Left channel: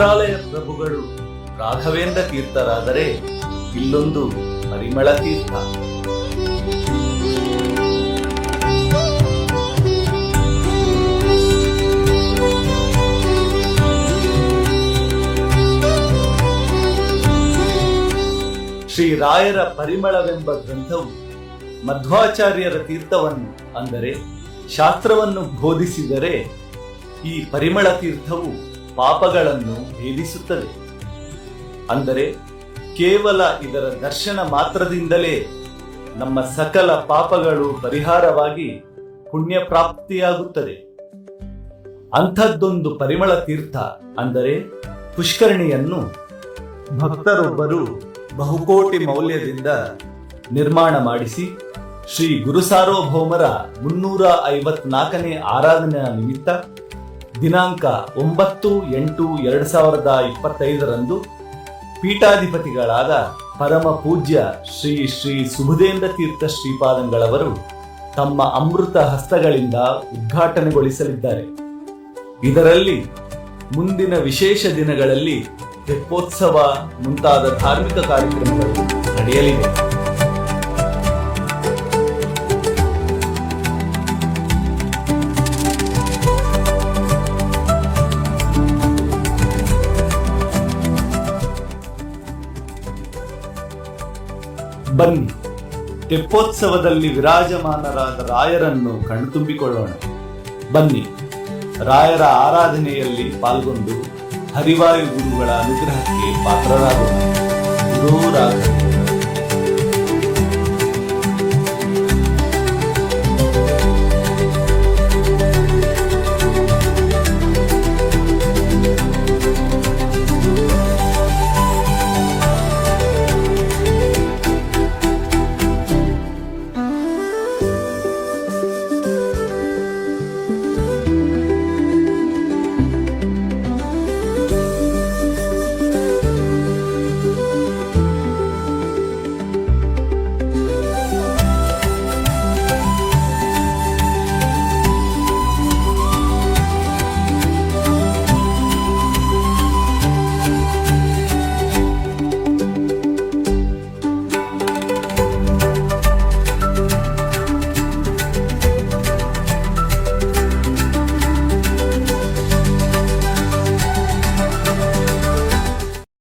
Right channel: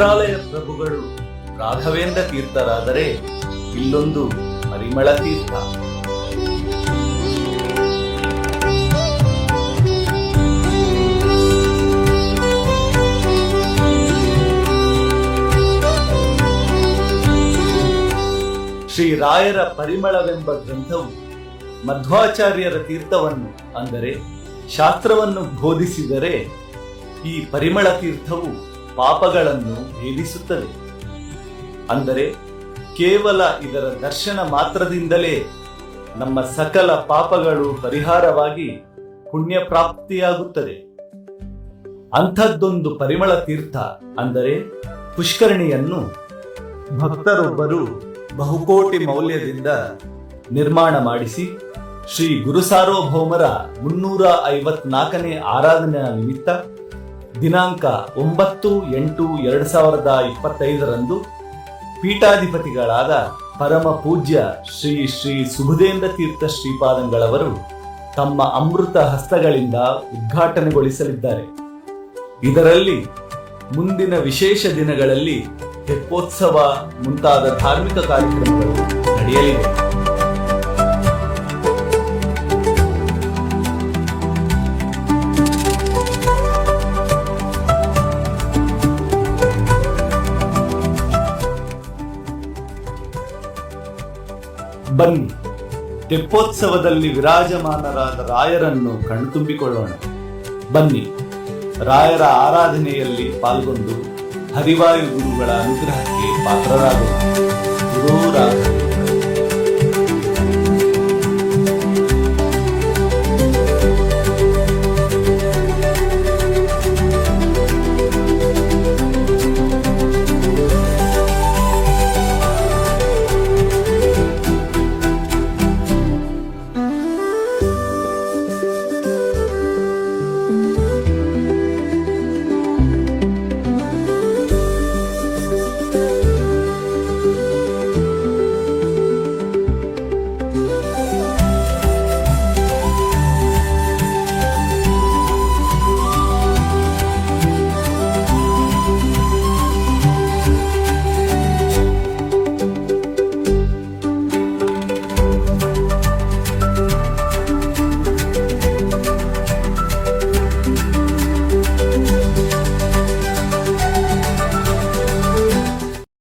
ಮಂತ್ರಾಲಯ ಪ್ರಭುಗಳು ರಾಘವೇಂದ್ರ ತೀರ್ಥರಾದರೆ ಇಲ್ಲೊಂದು ಪರಿಮಳ ತೀರ್ಥ. ಶ್ರೀ ರಾಯರ ಪರಿಮಳವೆಂಬ ಗ್ರಂಥವು ಮಧ್ವಾಚಾರ್ಯರ ತೀರ್ಥವನ್ನು ಅಂದರೆ ಶಾಸ್ತ್ರವನ್ನು ಬೋಧಿಸಿದರೆ ಈ ಪರಿಮಳ ತೀರ್ಥವು ಪಾಪಗಳನ್ನು ಭೇದಿಸುತ್ತದೆ. ಅಂದರೆ ಕೇವಲ ಇದರ ದರ್ಶನ ಮಾತ್ರದಿಂದಲೇ ನಮ್ಮ ಸಕಲ ಪಾಪಗಳು ಪರಿಹಾರವಾಗಿ ಪುಣ್ಯ ಪ್ರಾಪ್ತಿಯಾಗುತ್ತದೆ. ಅಂಥದ್ದೊಂದು ಪರಿಮಳ ತೀರ್ಥ ಅಂದರೆ ಪುಷ್ಕರಣಿಯನ್ನು ಭಕ್ತರೊಬ್ಬರು ಬಹುಕೋಟಿ ಮೌಲ್ಯದಿಂದ ನಿರ್ಮಾಣ ಮಾಡಿಸಿ ಶ್ರೀ ಗುರು ಸಾರ್ವಭೌಮರ 354ನೇ ಆರಾಧನಾ ನಿಮಿತ್ತ ದಿನಾಂಕ 9/8/2025 ಪೀಠಾಧಿಪತಿಗಳಾದ ಪರಮ ಪೂಜ್ಯ ಶ್ರೀ ಶ್ರೀ ಸುಬುಧೇಂದ್ರ ತೀರ್ಥ ಶ್ರೀಪಾದಂಗಳವರು ತಮ್ಮ ಅಮೃತ ಹಸ್ತಗಳಿಂದ ಉದ್ಘಾಟನೆಗೊಳಿಸಲಿದ್ದಾರೆ. ಇದರಲ್ಲಿ ಮುಂದಿನ ವಿಶೇಷ ದಿನಗಳಲ್ಲಿ ತೆಪ್ಪೋತ್ಸವ ಮುಂತಾದ ಧಾರ್ಮಿಕ ಕಾರ್ಯಕ್ರಮಗಳು ನಡೆಯಲಿವೆ. ಬನ್ನಿ, ತೆಪ್ಪೋತ್ಸವದಲ್ಲಿ ವಿರಾಜಮಾನರಾದ ರಾಯರನ್ನು ಕಣ್ತುಂಬಿಕೊಳ್ಳೋಣ. ಬನ್ನಿ, ರಾಯರ ಆರಾಧನೆಯಲ್ಲಿ ಪಾಲ್ಗೊಂಡು ಹರಿವಾಯು ಗುರುಗಳ ಅನುಗ್ರಹಕ್ಕೆ ಪಾತ್ರರಾಗೋಣ. ಗುರು ರಾಘವೇಂದ್ರ.